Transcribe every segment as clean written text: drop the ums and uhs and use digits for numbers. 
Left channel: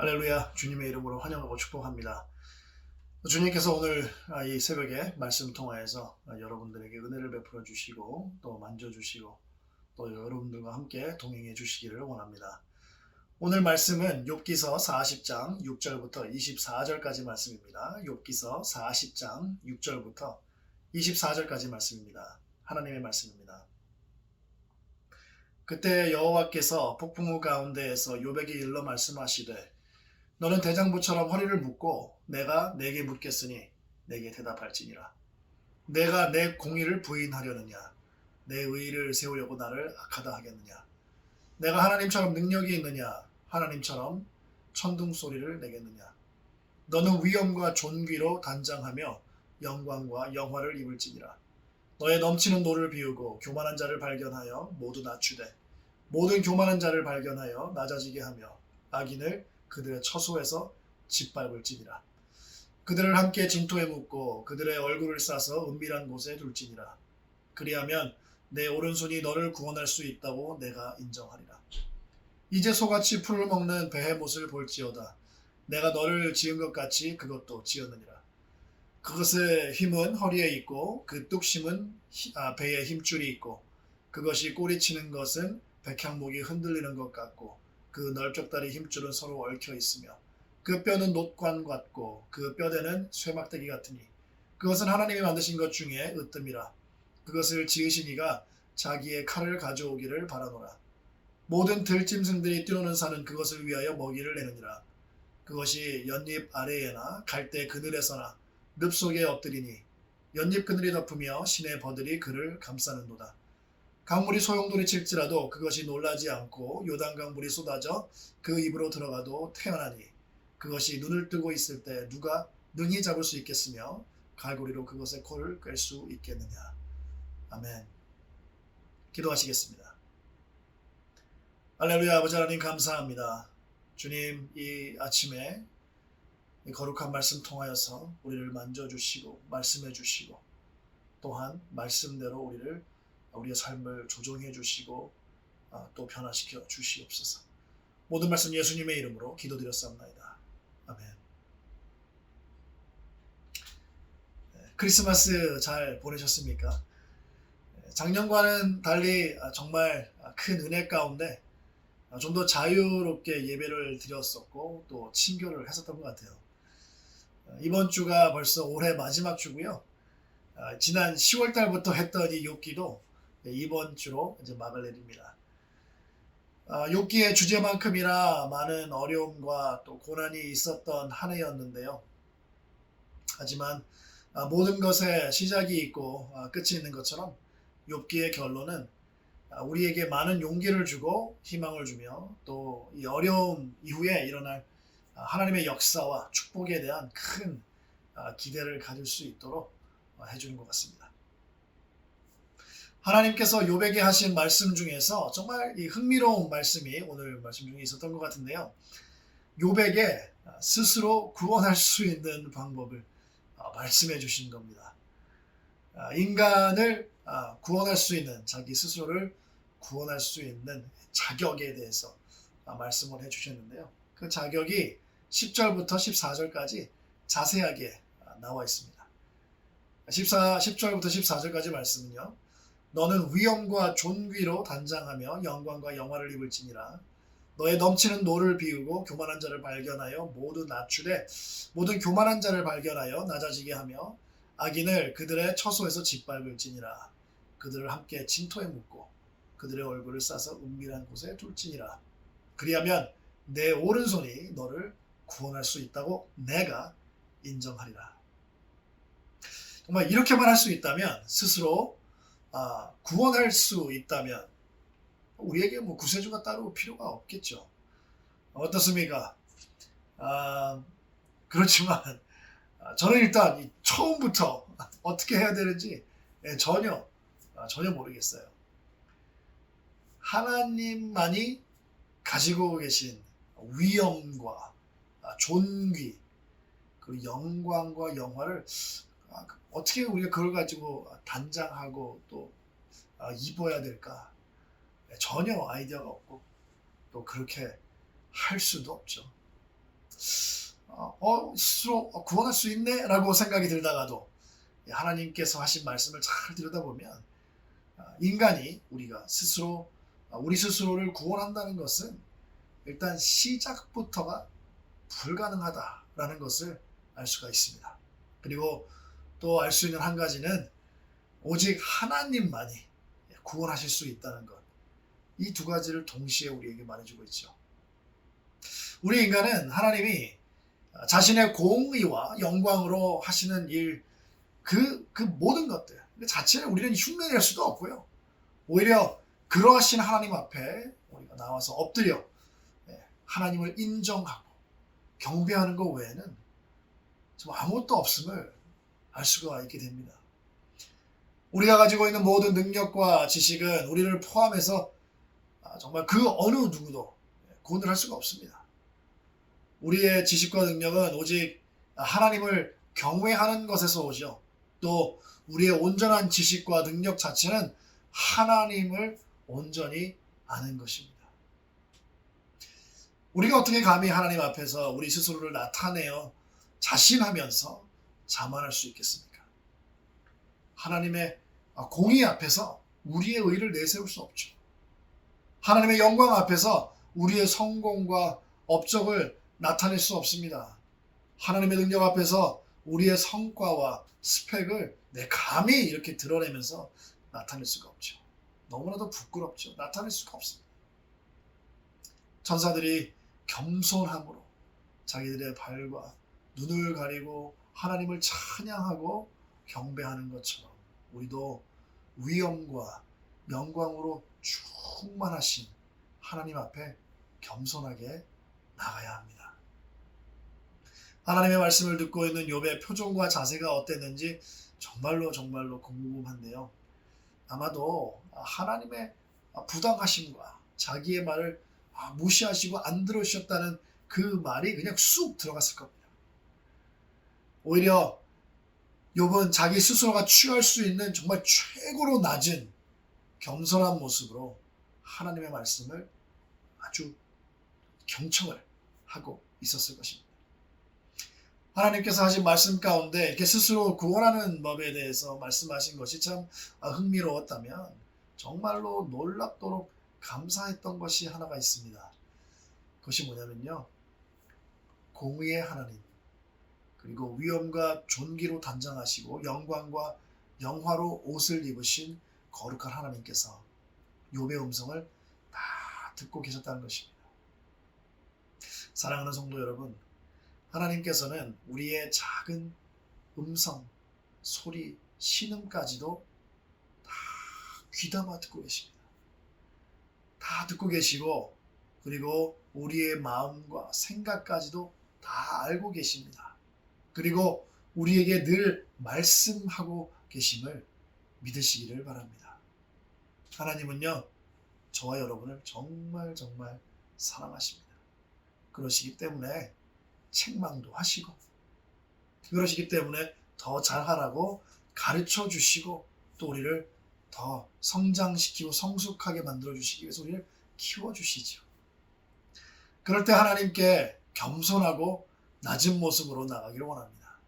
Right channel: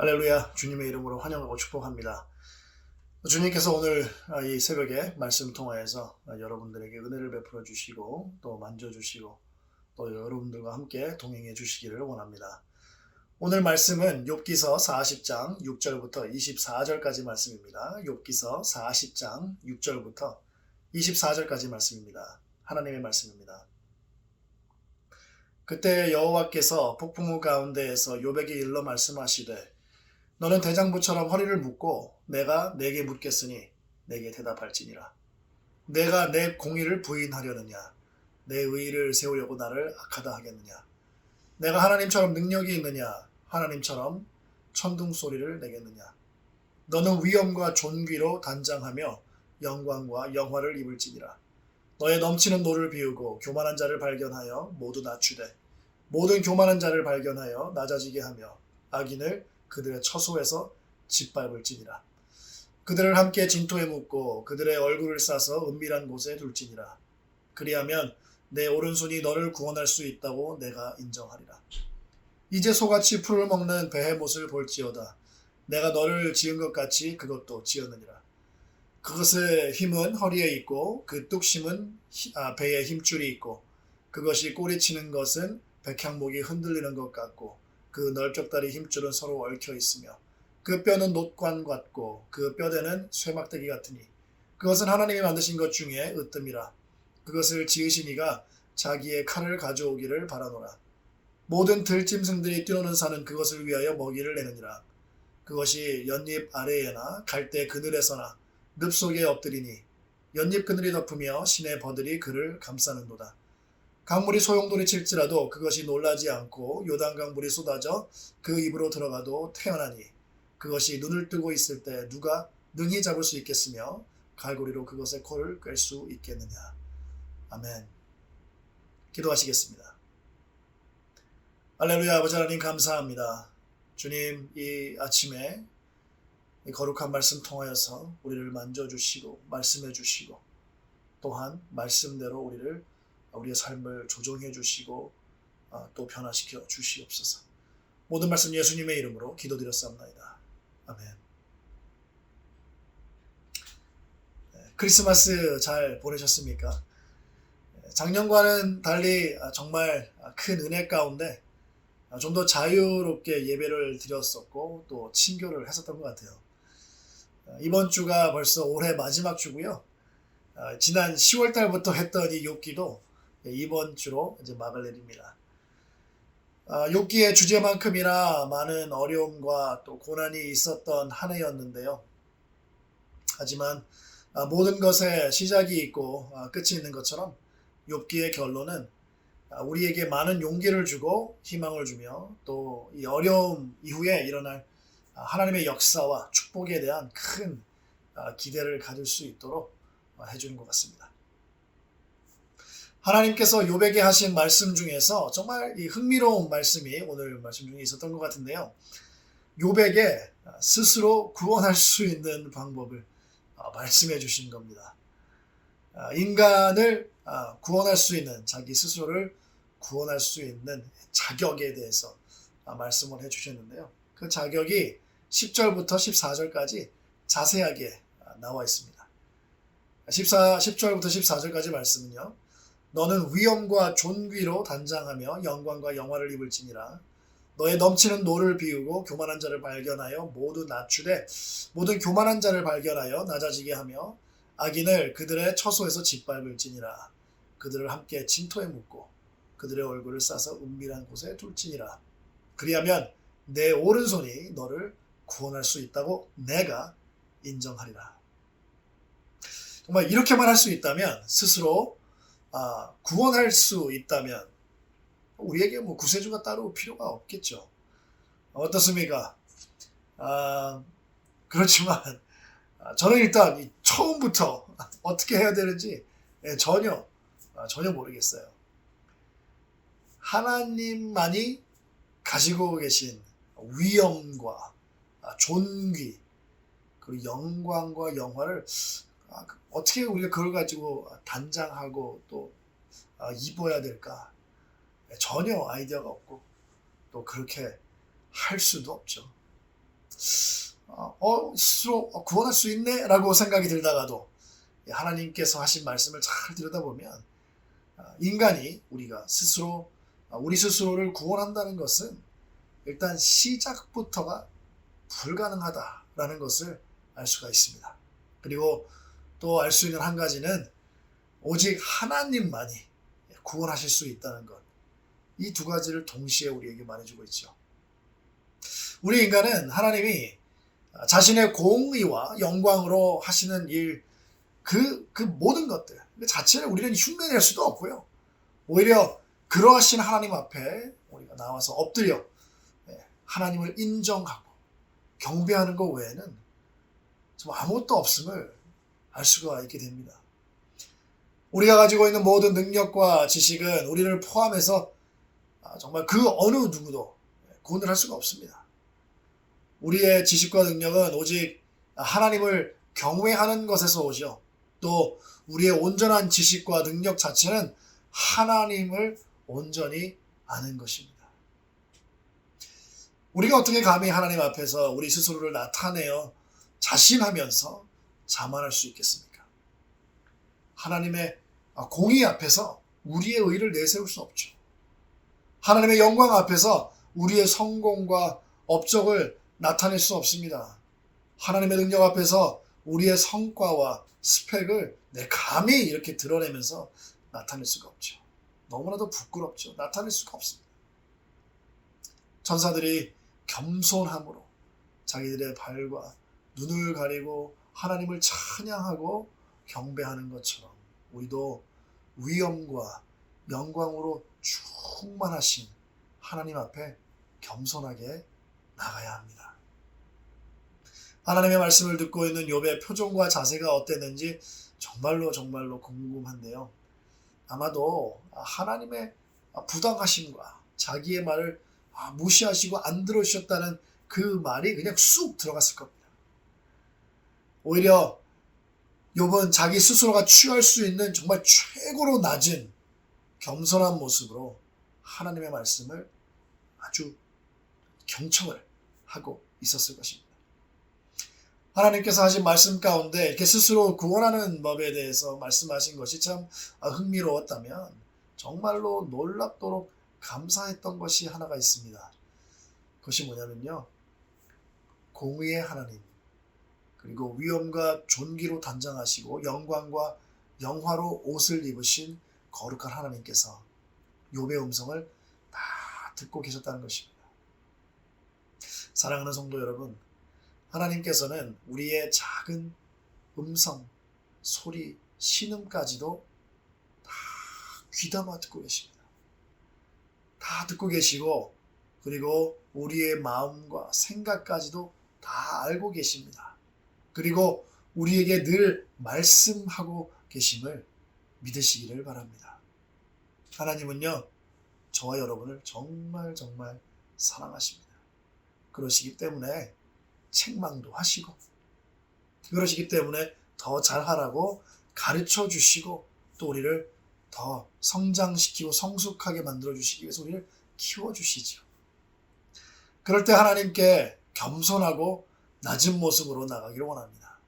할렐루야, 주님의 이름으로 환영하고 축복합니다. 주님께서 오늘 이 새벽에 말씀 통하여서 여러분들에게 은혜를 베풀어 주시고 또 만져주시고 또 여러분들과 함께 동행해 주시기를 원합니다. 오늘 말씀은 욥기서 40장 6절부터 24절까지 말씀입니다. 욥기서 40장 6절부터 24절까지 말씀입니다. 하나님의 말씀입니다. 그때 여호와께서 폭풍우 가운데에서 욥에게 일러 말씀하시되 너는 대장부처럼 허리를 묶고 내가 내게 묻겠으니 내게 대답할지니라. 내가 내 공의를 부인하려느냐? 내 의의를 세우려고 나를 악하다 하겠느냐? 내가 하나님처럼 능력이 있느냐? 하나님처럼 천둥 소리를 내겠느냐? 너는 위엄과 존귀로 단장하며 영광과 영화를 입을지니라. 너의 넘치는 노를 비우고 교만한 자를 발견하여 모두 낮추되 모든 교만한 자를 발견하여 낮아지게 하며 악인을 그들의 처소에서 짓밟을지니라. 그들을 함께 진토에 묻고 그들의 얼굴을 싸서 은밀한 곳에 둘지니라. 그리하면 내 오른손이 너를 구원할 수 있다고 내가 인정하리라. 이제 소같이 풀을 먹는 베헤못을 볼지어다. 내가 너를 지은 것 같이 그것도 지었느니라. 그것의 힘은 허리에 있고 그 뚝심은 배에 힘줄이 있고 그것이 꼬리치는 것은 백향목이 흔들리는 것 같고 그 넓적다리 힘줄은 서로 얽혀 있으며 그 뼈는 놋관 같고 그 뼈대는 쇠막대기 같으니 그것은 하나님이 만드신 것 중에 으뜸이라. 그것을 지으신 이가 자기의 칼을 가져오기를 바라노라. 모든 들짐승들이 뛰노는 산은 그것을 위하여 먹이를 내느니라. 그것이 연잎 아래에나 갈대 그늘에서나 늪 속에 엎드리니 연잎 그늘이 덮으며 시내 버들이 그를 감싸는도다. 강물이 소용돌이칠지라도 그것이 놀라지 않고 요단강 물이 쏟아져 그 입으로 들어가도 태어나니 그것이 눈을 뜨고 있을 때 누가 능히 잡을 수 있겠으며 갈고리로 그것의 코를 꿰 수 있겠느냐. 아멘. 기도하시겠습니다. 할렐루야. 아버지 하나님 감사합니다. 주님, 이 아침에 이 거룩한 말씀 통하여서 우리를 만져주시고 말씀해 주시고 또한 말씀대로 우리의 삶을 조정해 주시고 또 변화시켜 주시옵소서. 모든 말씀 예수님의 이름으로 기도드렸사옵나이다. 아멘. 크리스마스 잘 보내셨습니까? 작년과는 달리 정말 큰 은혜 가운데 좀 더 자유롭게 예배를 드렸었고 또 친교를 했었던 것 같아요. 이번 주가 벌써 올해 마지막 주고요. 지난 10월 달부터 했던 이 욥기도 이번 주로 이제 막을 내립니다. 욥기의 주제만큼이나 많은 어려움과 또 고난이 있었던 한 해였는데요. 하지만 모든 것에 시작이 있고 끝이 있는 것처럼 욥기의 결론은 우리에게 많은 용기를 주고 희망을 주며 또 이 어려움 이후에 일어날 하나님의 역사와 축복에 대한 큰 기대를 가질 수 있도록 해주는 것 같습니다. 하나님께서 욥에게 하신 말씀 중에서 정말 이 흥미로운 말씀이 오늘 말씀 중에 있었던 것 같은데요. 욥에게 스스로 구원할 수 있는 방법을 말씀해 주신 겁니다. 인간을 구원할 수 있는, 자기 스스로를 구원할 수 있는 자격에 대해서 말씀을 해주셨는데요. 그 자격이 10절부터 14절까지 자세하게 나와 있습니다. 10절부터 14절까지 말씀은요. 너는 위엄과 존귀로 단장하며 영광과 영화를 입을지니라. 너의 넘치는 노를 비우고 교만한 자를 발견하여 모두 낮추되 모든 교만한 자를 발견하여 낮아지게 하며 악인을 그들의 처소에서 짓밟을지니라. 그들을 함께 진토에 묻고 그들의 얼굴을 싸서 은밀한 곳에 둘지니라. 그리하면 내 오른손이 너를 구원할 수 있다고 내가 인정하리라. 정말 이렇게만 할 수 있다면, 스스로 구원할 수 있다면 우리에게 구세주가 따로 필요가 없겠죠. 어떻습니까? 그렇지만 저는 일단 처음부터 어떻게 해야 되는지 전혀 모르겠어요. 하나님만이 가지고 계신 위엄과 존귀 그리고 영광과 영화를 어떻게 우리가 그걸 가지고 단장하고 또 입어야 될까? 전혀 아이디어가 없고 또 그렇게 할 수도 없죠. 스스로 구원할 수 있네 라고 생각이 들다가도 하나님께서 하신 말씀을 잘 들여다보면 인간이 우리가 스스로 우리 스스로를 구원한다는 것은 일단 시작부터가 불가능하다라는 것을 알 수가 있습니다. 그리고 또 알 수 있는 한 가지는 오직 하나님만이 구원하실 수 있다는 것. 이 두 가지를 동시에 우리에게 말해주고 있죠. 우리 인간은 하나님이 자신의 공의와 영광으로 하시는 일, 그 모든 것들 그 자체를 우리는 흉내낼 수도 없고요. 오히려 그러하신 하나님 앞에 우리가 나와서 엎드려 하나님을 인정하고 경배하는 것 외에는 좀 아무것도 없음을 알 수가 있게 됩니다. 우리가 가지고 있는 모든 능력과 지식은 우리를 포함해서 정말 그 어느 누구도 구원을 할 수가 없습니다. 우리의 지식과 능력은 오직 하나님을 경외하는 것에서 오죠. 또 우리의 온전한 지식과 능력 자체는 하나님을 온전히 아는 것입니다. 우리가 어떻게 감히 하나님 앞에서 우리 스스로를 나타내어 자신하면서 자만할 수 있겠습니까? 하나님의 공의 앞에서 우리의 의를 내세울 수 없죠. 하나님의 영광 앞에서 우리의 성공과 업적을 나타낼 수 없습니다. 하나님의 능력 앞에서 우리의 성과와 스펙을 감히 이렇게 드러내면서 나타낼 수가 없죠. 너무나도 부끄럽죠. 나타낼 수가 없습니다. 천사들이 겸손함으로 자기들의 발과 눈을 가리고 하나님을 찬양하고 경배하는 것처럼 우리도 위엄과 영광으로 충만하신 하나님 앞에 겸손하게 나가야 합니다. 하나님의 말씀을 듣고 있는 욥의 표정과 자세가 어땠는지 정말로 궁금한데요. 아마도 하나님의 부당하심과 자기의 말을 무시하시고 안 들어주셨다는 그 말이 그냥 쑥 들어갔을 겁니다. 오히려 욥은 자기 스스로가 취할 수 있는 정말 최고로 낮은 겸손한 모습으로 하나님의 말씀을 아주 경청을 하고 있었을 것입니다. 하나님께서 하신 말씀 가운데 이렇게 스스로 구원하는 법에 대해서 말씀하신 것이 참 흥미로웠다면 정말로 놀랍도록 감사했던 것이 하나가 있습니다. 그것이 뭐냐면요. 공의의 하나님, 그리고 위엄과 존귀로 단장하시고 영광과 영화로 옷을 입으신 거룩한 하나님께서 욥의 음성을 다 듣고 계셨다는 것입니다. 사랑하는 성도 여러분, 하나님께서는 우리의 작은 음성, 소리, 신음까지도 다 귀담아 듣고 계십니다. 다 듣고 계시고 그리고 우리의 마음과 생각까지도 다 알고 계십니다. 그리고 우리에게 늘 말씀하고 계심을 믿으시기를 바랍니다. 하나님은요, 저와 여러분을 정말 사랑하십니다. 그러시기 때문에 책망도 하시고 그러시기 때문에 더 잘하라고 가르쳐 주시고 또 우리를 더 성장시키고 성숙하게 만들어 주시기 위해서 우리를 키워주시죠. 그럴 때 하나님께 겸손하고 낮은 모습으로 나가기를 원합니다.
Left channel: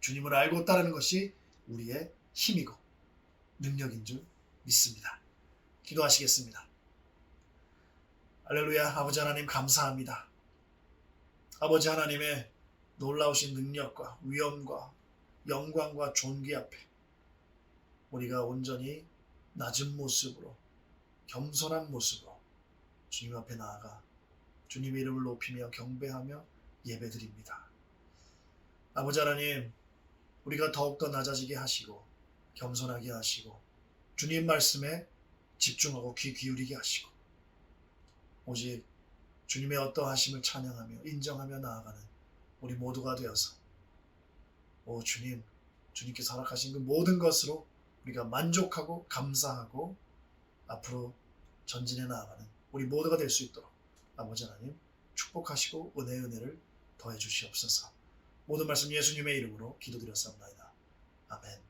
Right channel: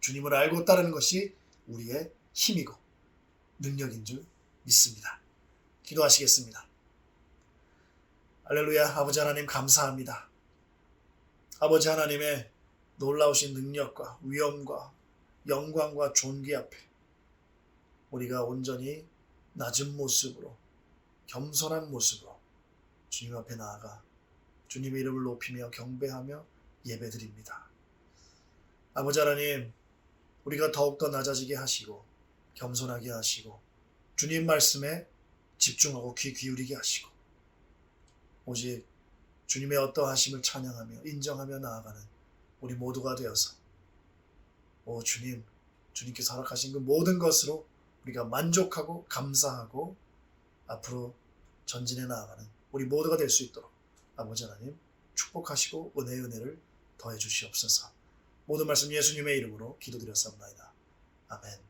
주님을 알고 따르는 것이 우리의 힘이고 능력인 줄 믿습니다. 기도하시겠습니다. 할렐루야. 아버지 하나님 감사합니다. 아버지 하나님의 놀라우신 능력과 위엄과 영광과 존귀 앞에 우리가 온전히 낮은 모습으로 겸손한 모습으로 주님 앞에 나아가 주님의 이름을 높이며 경배하며 예배드립니다. 아버지 하나님, 우리가 더욱더 낮아지게 하시고 겸손하게 하시고 주님 말씀에 집중하고 귀 기울이게 하시고 오직 주님의 어떠하심을 찬양하며 인정하며 나아가는 우리 모두가 되어서 주님, 주님께서 허락하신 그 모든 것으로 우리가 만족하고 감사하고 앞으로 전진해 나아가는 우리 모두가 될 수 있도록 아버지 하나님 축복하시고 은혜를 더해 주시옵소서. 모든 말씀 예수님의 이름으로 기도드렸사옵나이다. 아멘.